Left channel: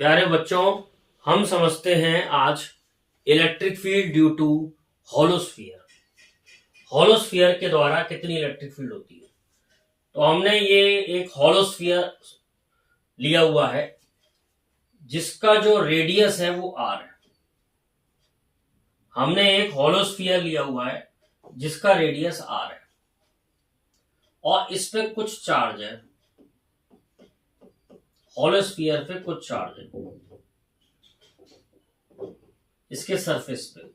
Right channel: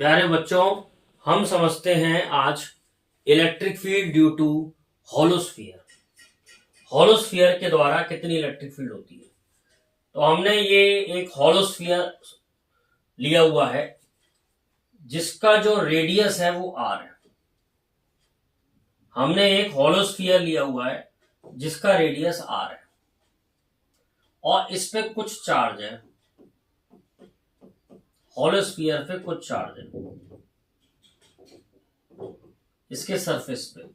प्यारे बच्चों, हम समझते हैं आज इलेक्ट्रिक फील्ड ड्यू टू हॉलोस्फीयर। हॉलोस्फीयर के द्वारा कितनी इलेक्ट्रिक फील्ड होती है। तो हमने ये एक हॉलोस्फीयर लिया हुआ है जिसका जो रेडियस है वो आर है। हमने एक हॉलोस्फीयर लिया हुआ है जिसका रेडियस आर है और इस पे कुछ चार्ज है। हॉलोस्फीयर पे कुछ चार्ज है इसके सरफेस पे।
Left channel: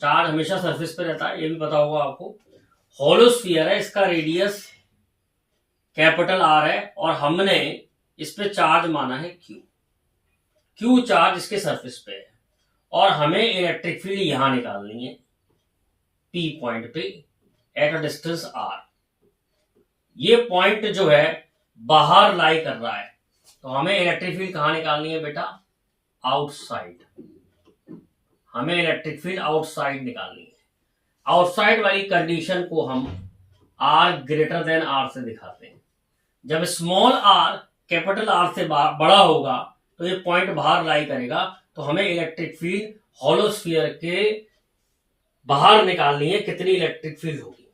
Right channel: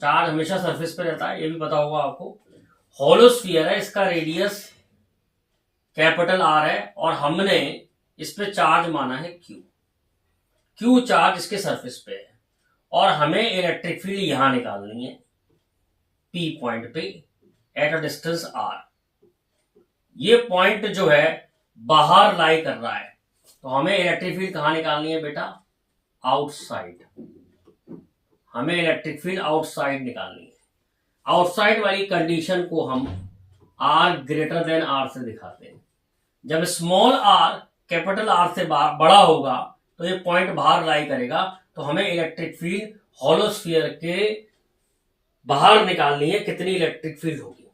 चार्ज हमेशा सरफेस पे रहता है, ये भी पता होगा आपको। हॉलोस्फीयर है, इसका रेडियस कैपिटल आर है और हमने इस पे चार्ज माना है क्यू चार्ज इसके सरफेस पे है और हमें इलेक्ट्रिक फील्ड यहां निकालनी है पी पॉइंट पे एट अ डिस्टेंस आर। ये पॉइंट जो है बाहर लाई कर रहा है, तो हमें इलेक्ट्रिक फील्ड कहां निकालनी है बेटा? आउटसाइड। हमें इलेक्ट्रिक फील्ड आउटसाइड निकालनी है। आउटसाइड वाली कंडीशन को हम आर ग्रेटर देन आर से दिखाते हैं। जब स्मॉल आर कैपिटल आर से बड़ा होगा तो ये पॉइंट बाहर लाई करेगा, तो हमें इलेक्ट्रिक फील्ड हॉलोस्फीयर के बाहर निकालनी है। कितनी इलेक्ट्रिक फील्ड होगी?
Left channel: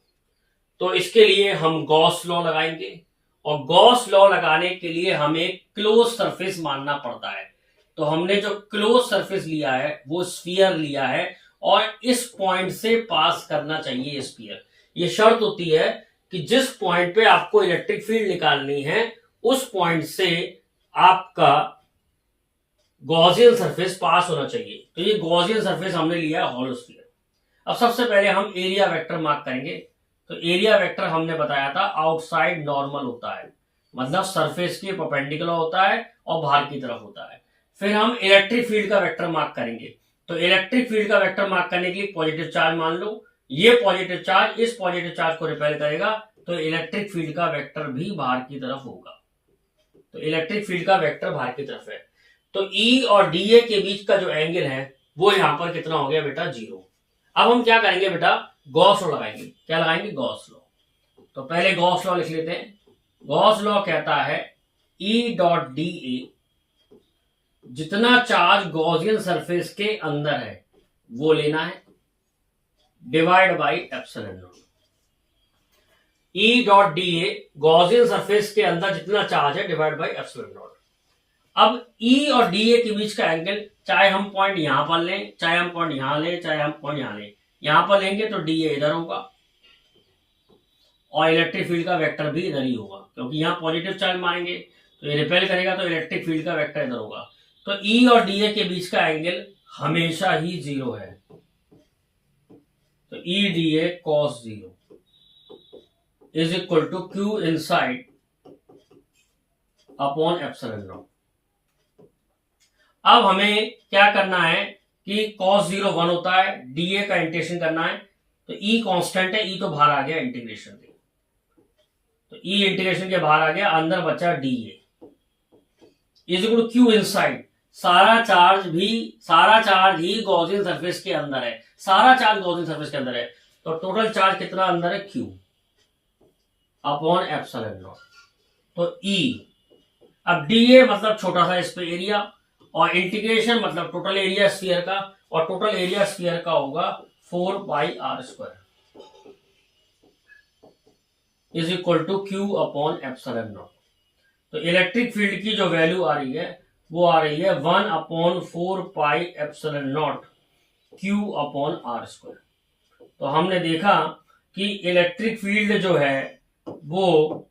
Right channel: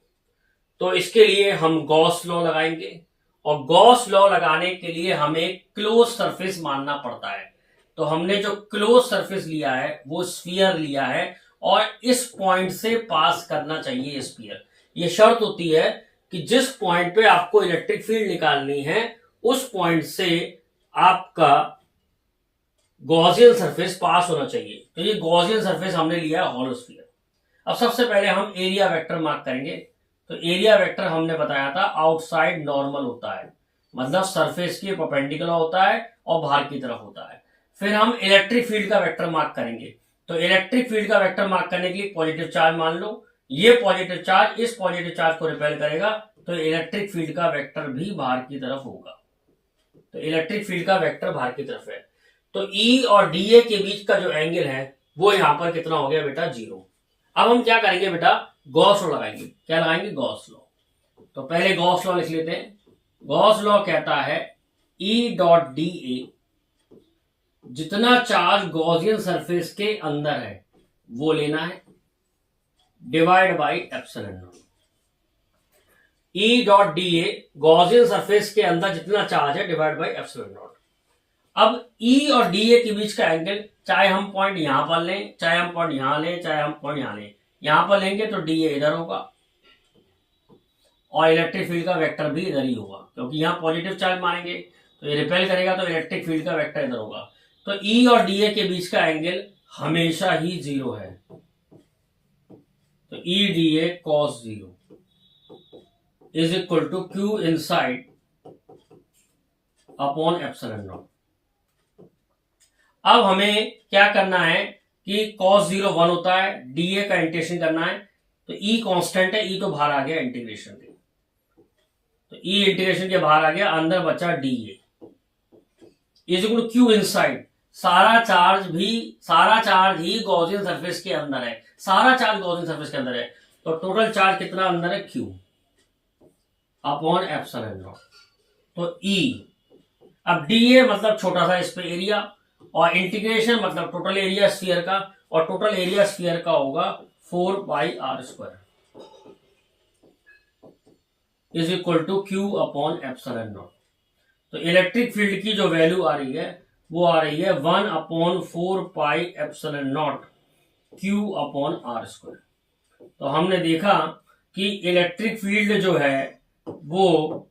तो इसके लिए हम गॉस लॉ लगाएंगे और गॉस लॉ लगाने के लिए हमें क्लोज सरफेस मानना पड़ता है। तो हमने जो क्लोज सरफेस लिया है वो स्फीयर लिया है और इस पॉइंट से पास करना चाहिए स्फीयर। ये शर्त होती है कि जिस पॉइंट पे आपको इलेक्ट्रिक फील्ड निकालनी है उस पॉइंट से आपका गॉसियन सरफेस पास होना चाहिए। तो ये गॉसियन सरफेस हमने लिया है हॉलोस्फीयर। अब सबसे पहले हम एरिया वेक्टर मार्क करेंगे। तो एरिया वेक्टर हमने बताया था आउटसाइड नॉर्मल होता है, मतलब सरफेस के परपेंडिकुलर होता है और बाहर की तरफ होता है। फिर हम इलेक्ट्रिक फील्ड का वेक्टर मार्क करेंगे। तो इलेक्ट्रिक फील्ड का वेक्टर मार्क करने के लिए पॉजिटिव चार्ज मान लो, ये पॉजिटिव चार्ज इस पॉजिटिव चार्ज को रिपेल करेगा, तो इलेक्ट्रिक फील्ड का वेक्टर भी बाहर की तरफ होगा। तो इलेक्ट्रिक फील्ड का वेक्टर बाहर की तरफ है। तो ई और डी ए के बीच का जो एंगल है वो यहां पर कितना हो गया बेटा? 0। अब हम क्या करेंगे बेटा? गॉस लॉ लगाएंगे। क्या लगाएंगे? Gauss law. तो पहले गॉस लॉ लिख लेते हैं। गॉस लॉ कहता है ई डॉट डी ए, जितना चार्ज गॉसियन सरफेस के अंदर है वो लेना है, divide by epsilon not. E dot D A Gaussian surface के अंदर जितना चार्ज है डिवाइड बाई एप्सिलॉन नॉट। अब ई और डी ए के बीच का एंगल, चाहे हम पॉइंट यहां पर लें, चाहे हम पॉइंट यहां लें, चाहे हम पॉइंट यहां लें, यहां पर लेंगे तो डी ए इधर होगा और इलेक्ट्रिक फील्ड का वेक्टर भी इधर ही होगा, क्योंकि यहां पॉजिटिव चार्ज मारेंगे तो ये रिपेल करेगा, तो इलेक्ट्रिक फील्ड का वेक्टर इधर होगा। तो ई और डी ए के बीच का एंगल हमेशा ही 0 है। तो E D A cos 0 is equal to Q inside upon epsilon naught. अब हमें क्या करना है कि cos 0 1 होता है, dA का इंटीग्रेशन करना है। तो E कांस्टेंट है, E तो बाहर आ गया इंटीग्रेशन के, तो E इंटीग्रेशन के बाहर आ गया, अंदर बचा dA is equal to Q inside. सारा चार्ज ही गॉसियन सरफेस के अंदर है, सारा चार्ज गॉसियन सरफेस के अंदर है, तो टोटल चार्ज कितना अंदर है? Q upon epsilon naught. तो E, अब dA मतलब छोटा सा इस पे एरिया और इंटीग्रेशन मतलब टोटल एरिया स्फीयर का, और टोटल एरिया स्फीयर का होगा 4πr² is equal to Q upon epsilon naught. तो इलेक्ट्रिक फील्ड की जो वैल्यू आ रही है वो आ रही है 1/4πε0 क्यू अपॉन r²। तो हमने देखा कि इलेक्ट्रिक फील्ड जो है वो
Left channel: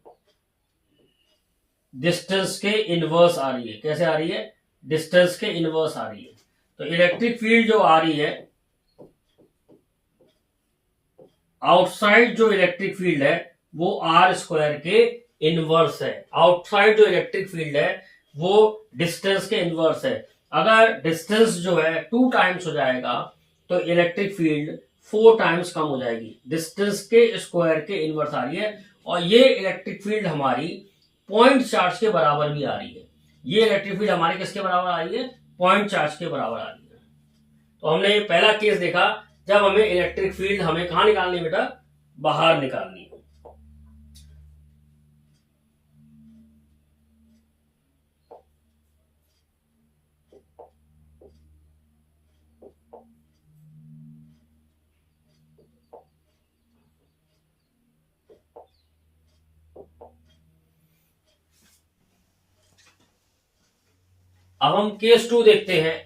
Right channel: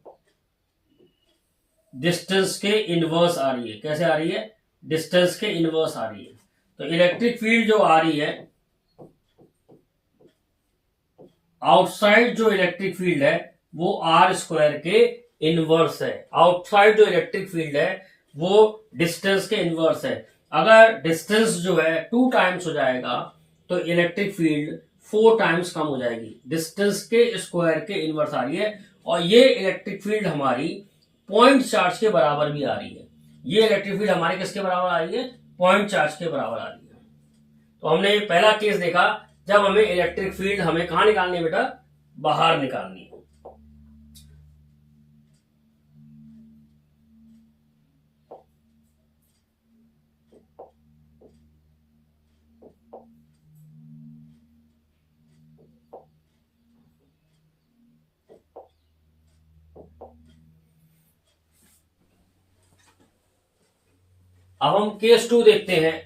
डिस्टेंस के इनवर्स आ रही है। कैसे आ रही है? डिस्टेंस के इनवर्स आ रही है। तो इलेक्ट्रिक फील्ड जो आ रही है आउटसाइड, जो इलेक्ट्रिक फील्ड है वो r² के इनवर्स है। आउटसाइड जो इलेक्ट्रिक फील्ड है वो डिस्टेंस के इनवर्स है। अगर डिस्टेंस जो है 2 टाइम्स हो जाएगा तो इलेक्ट्रिक फील्ड 4 टाइम्स कम हो जाएगी। डिस्टेंस के स्क्वायर के इनवर्स आ रही है और ये इलेक्ट्रिक फील्ड हमारी पॉइंट चार्ज के बराबर भी आ रही है। ये इलेक्ट्रिक फील्ड हमारे किसके बराबर आ रही है? पॉइंट चार्ज के बराबर आ रही है। तो हमने ये पहला केस देखा जब हमें इलेक्ट्रिक फील्ड हमें कहां निकालनी है बेटा? बाहर निकालनी है। अब हम केस 2 देखते हैं।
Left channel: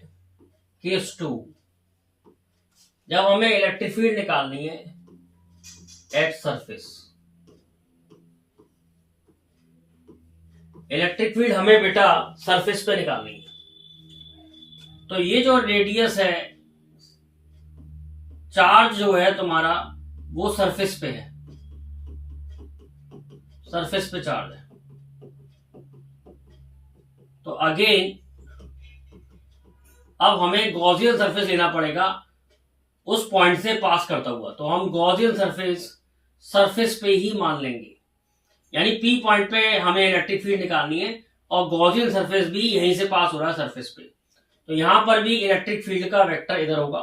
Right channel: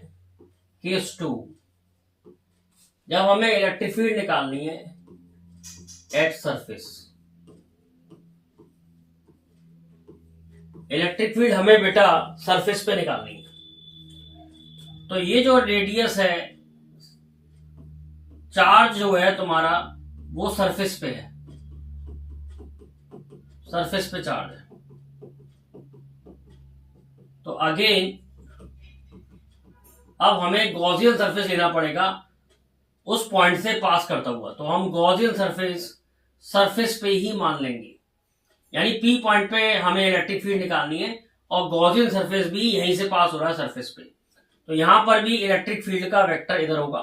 केस 2, जब हमें इलेक्ट्रिक फील्ड निकालनी है एट सरफेस, इलेक्ट्रिक फील्ड हमें बेटा सरफेस पे निकालनी है। तो ये जो रेडियस है, चार्ज जो है तुम्हारा वो सरफेस पे है, सरफेस पे चार्ज है। तो अगेन अब हमें गॉसियन सरफेस लेना पड़ेगा उस पॉइंट से पास करता हुआ। तो हम गॉसियन सरफेस पे ही मान लेंगे, यानी पी पॉइंट पे हमें इलेक्ट्रिक फील्ड निकालनी है और गॉसियन सरफेस भी यहीं से पास हो रहा है सरफेस पे। तो यहां पर भी इलेक्ट्रिक फील्ड का वेक्टर इधर होगा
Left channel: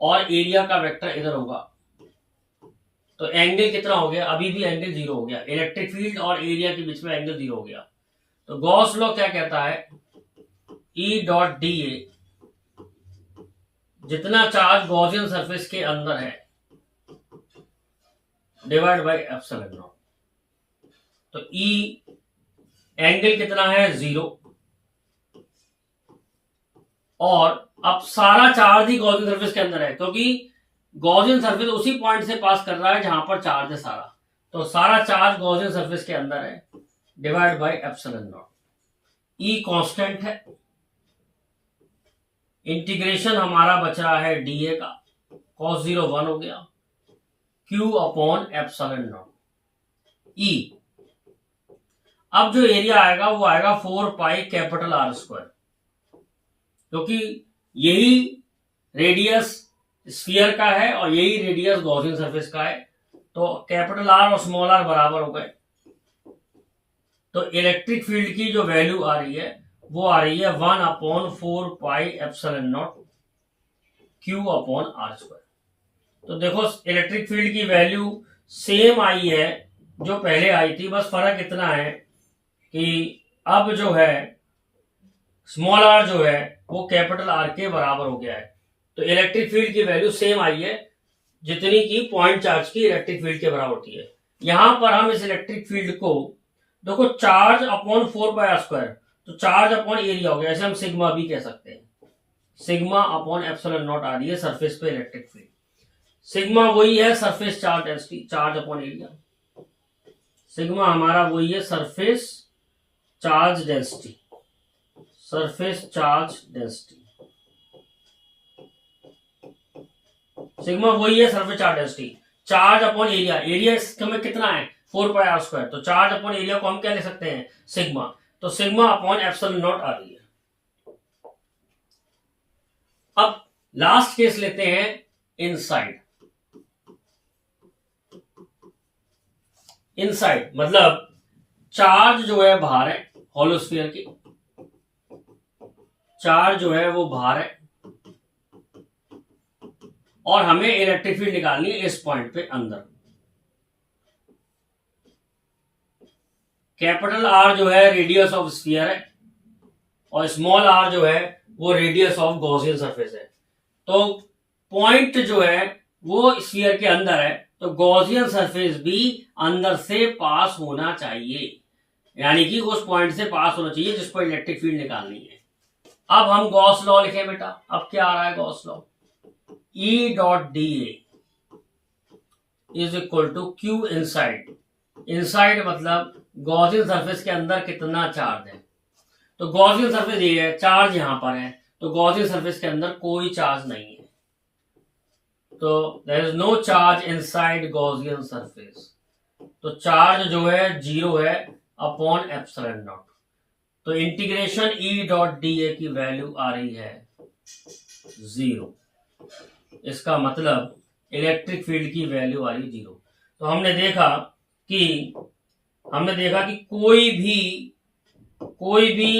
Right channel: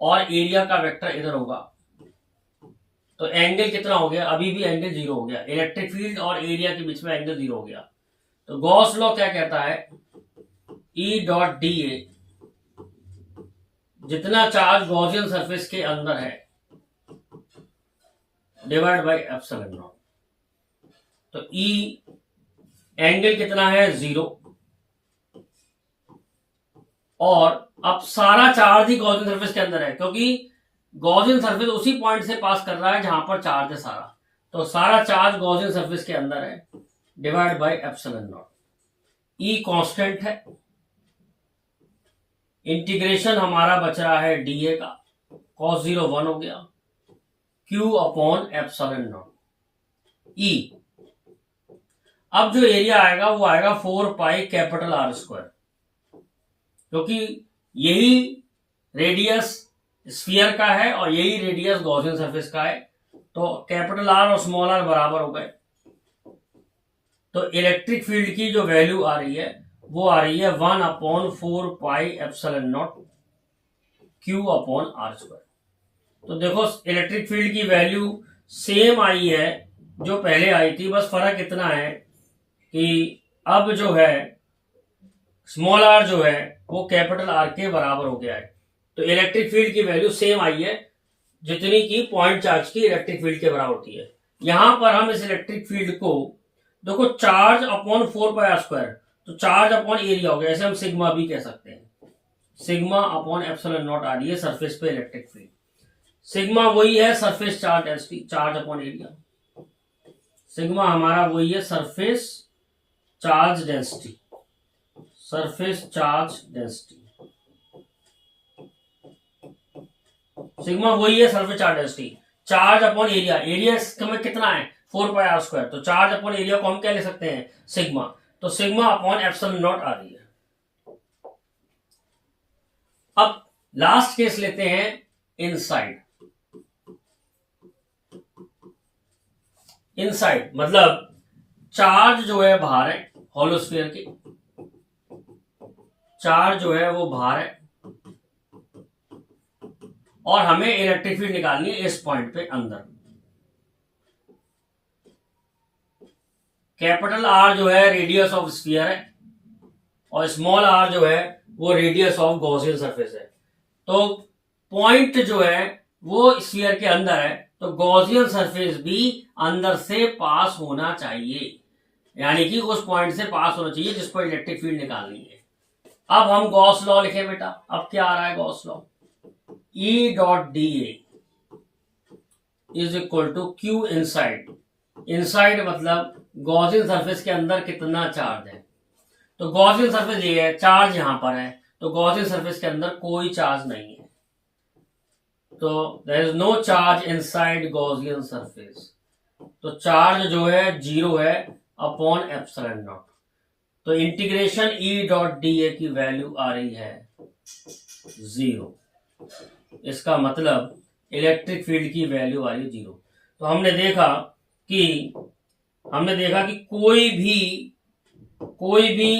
और एरिया का वेक्टर इधर होगा। तो एंगल कितना हो गया? अभी भी एंगल 0 हो गया, इलेक्ट्रिक फील्ड और एरिया के बीच में एंगल 0 हो गया। तो गॉस लॉ क्या कहता है? ई डॉट डी ए, जितना चार्ज गॉसियन सरफेस के अंदर है डिवाइड बाई एप्सिलॉन नॉट। तो ई एंगल कितना है? 0। और अब सारा चार्ज ही गॉसियन सरफेस के अंदर है, क्योंकि गॉसियन सरफेस उसी पॉइंट से पास कर रहा है जहां पर चार्ज है सारा। तो सारा चार्ज गॉसियन सरफेस के अंदर है divide by epsilon not. E constant है, इंटीग्रेशन हमारा बच रहा है डीए का, cos 0 1 हो गया, Q अपॉन एप्सिलॉन नॉट ई। अब जो एरिया आएगा वो आएगा 4 पाई कैपिटल आर स्क्वायर, क्योंकि यही रेडियस स्फीयर का है और यही रेडियस गॉसियन सरफेस का है। तो कैपिटल आर और स्मॉल आर बराबर हो गए। तो इलेक्ट्रिक फील्ड की जो वैल्यू आ रही है वो आ रही है 1 upon 4 pi epsilon naught Q upon R square. तो देखो इलेक्ट्रिक फील्ड की वैल्यू सेम आई है जो पहले आई थी, बस फर्क इतना है कि अब जो है स्मॉल आर जो है वो कैपिटल आर के बराबर हो गया है। तो इलेक्ट्रिक फील्ड की वैल्यू सेम आई है जितनी की पॉइंट चार्ज की इलेक्ट्रिक फील्ड के बराबर होती है। यहां पर हम इस इलेक्ट्रिक फील्ड को देखो charge upon 4 pi R square, तो चार्ज अपॉन एरिया हो गया, ऐसे हम सिग्मा भी कह सकते हैं। सिग्मा अपॉन एप्सिलॉन नॉट आ रही है सरफेस पे इलेक्ट्रिक फील्ड। सिग्मा वही है surface charge density, charge upon area. Sigma हमारा वही है surface charge density, surface charge density. Sigma वही है surface charge density. Charge upon area, area में कितना है? 4 पाई आर स्क्वायर। तो चार्ज अपॉन एरिया को हम क्या ले सकते हैं? सिग्मा। तो सिग्मा अपॉन एप्सिलॉन नॉट आ रही है। अब लास्ट केस लेते हैं इनसाइड। इनसाइड मतलब चार्ज जो है बाहर है, होलोस्फीयर की चार्ज जो है वो बाहर है और हमें इलेक्ट्रिक फील्ड निकालनी है इस पॉइंट पे अंदर। कैपिटल आर जो है रेडियस ऑफ स्फीयर है और स्मॉल आर जो है वो रेडियस ऑफ गॉसियन सरफेस है। तो पॉइंट जो है वो स्फीयर के अंदर है, तो गॉसियन सरफेस भी अंदर से पास होना चाहिए, यानी कि उस पॉइंट से पास होना चाहिए जिस पर इलेक्ट्रिक फील्ड निकालनी है। अब हम गॉस लॉ लिखे बेटा। अब क्या आ रहा है Gauss law? E dot D A is equal to Q inside. Inside मतलब गॉसियन सरफेस के अंदर कितना चार्ज है। तो गॉसियन सरफेस ये है, चार्ज यहां पर है, तो गॉसियन सरफेस के अंदर कोई चार्ज नहीं है। तो there is no charge inside Gaussian surface. तो चार्ज जो है 0 है अपॉन एप्सिलॉन नॉट। तो integration E dot D A की वैल्यू आ रही है 0। इसका मतलब इलेक्ट्रिक फील्ड की वैल्यू आ रही है 0। तो हमने देखा कि कोई भी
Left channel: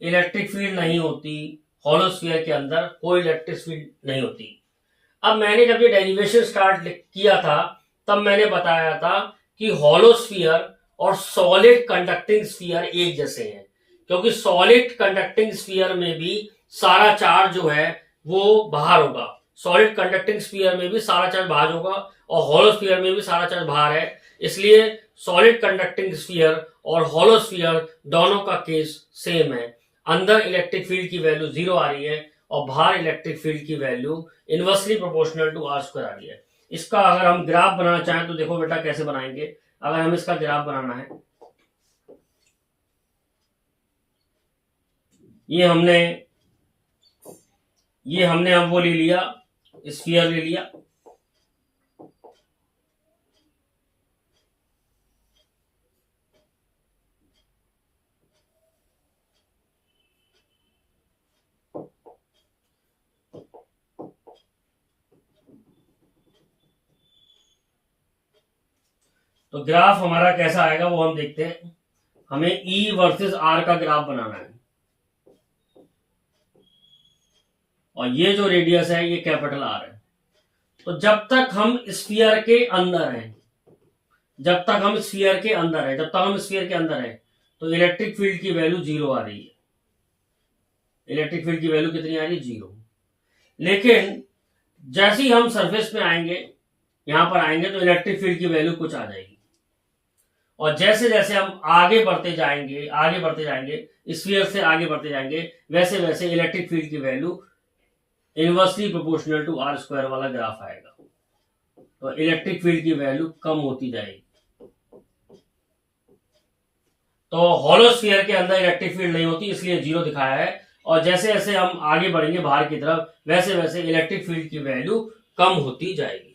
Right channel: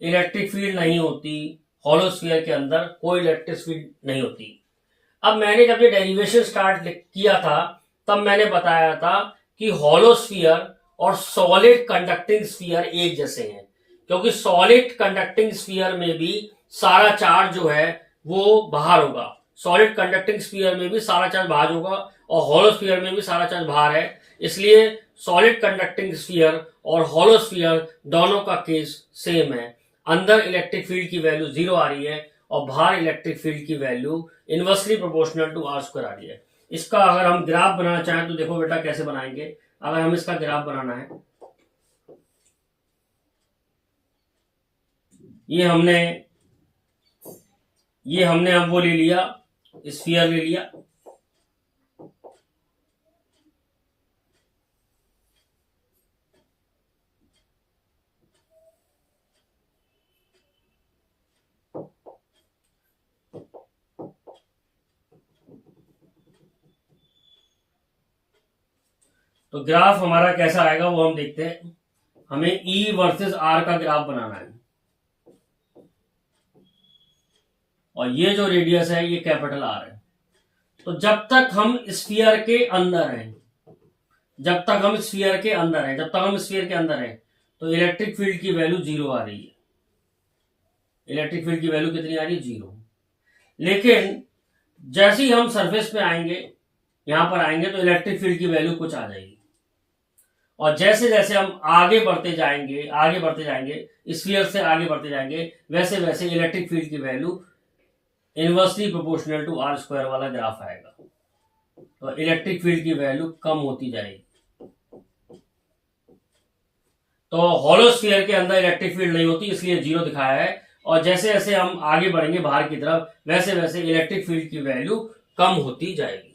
इलेक्ट्रिक फील्ड नहीं होती होलोस्फीयर के अंदर, कोई इलेक्ट्रिक फील्ड नहीं होती। अब मैंने जब ये डेरिवेशन स्टार्ट किया था तब मैंने बताया था कि होलोस्फीयर और सॉलिड कंडक्टिंग स्फीयर एक जैसे हैं, क्योंकि सॉलिड कंडक्टिंग स्फीयर में भी सारा चार्ज जो है वो बाहर होगा। सॉलिड कंडक्टिंग स्फीयर में भी सारा चार्ज बाहर होगा और होलोस्फीयर में भी सारा चार्ज बाहर है। इसलिए सॉलिड कंडक्टिंग स्फीयर और होलोस्फीयर दोनों का केस सेम है। अंदर इलेक्ट्रिक फील्ड की वैल्यू 0 आ रही है और बाहर इलेक्ट्रिक फील्ड की value inversely proportional to are square आ रही है। इसका अगर हम ग्राफ बनाना चाहें तो देखो बेटा कैसे बनाएंगे। अगर हम इसका ग्राफ बनाना है, ये हमने अब वो ले लिया, स्फीयर ले लिया। तो ग्राफ हमारा कैसा आएगा वो हम देखते हैं। हमें E वर्सेस R का ग्राफ बनाना है और ये जो रेडियस है ये कैपिटल R है। तो जब तक हम स्फीयर के अंदर हैं, जब तक हम स्फीयर के अंदर हैं तो इलेक्ट्रिक फील्ड की वैल्यू 0 आ रही है। इलेक्ट्रिक फील्ड की वैल्यू कितनी आ रही है? 0। लेकिन जैसे ही हम सरफेस पे आएंगे, यहां पर आएंगे, तो इलेक्ट्रिक फील्ड की वैल्यू कुछ आ जाएगी। और जैसे जैसे हम आगे बढ़ते जाएंगे स्फीयर से आगे बढ़ते जाएंगे, वैसे वैसे इलेक्ट्रिक फील्ड की value inversely proportional to are square वाला ग्राफ आएगा। तो इलेक्ट्रिक फील्ड की वैल्यू कम होती जाएगी। तो हॉलो स्फीयर के अंदर इलेक्ट्रिक फील्ड नहीं होती, इसलिए 0 दिखाया है। और जैसे जैसे हम आगे बढ़ेंगे बाहर की तरफ, वैसे वैसे इलेक्ट्रिक फील्ड की वैल्यू कम होती जाएगी।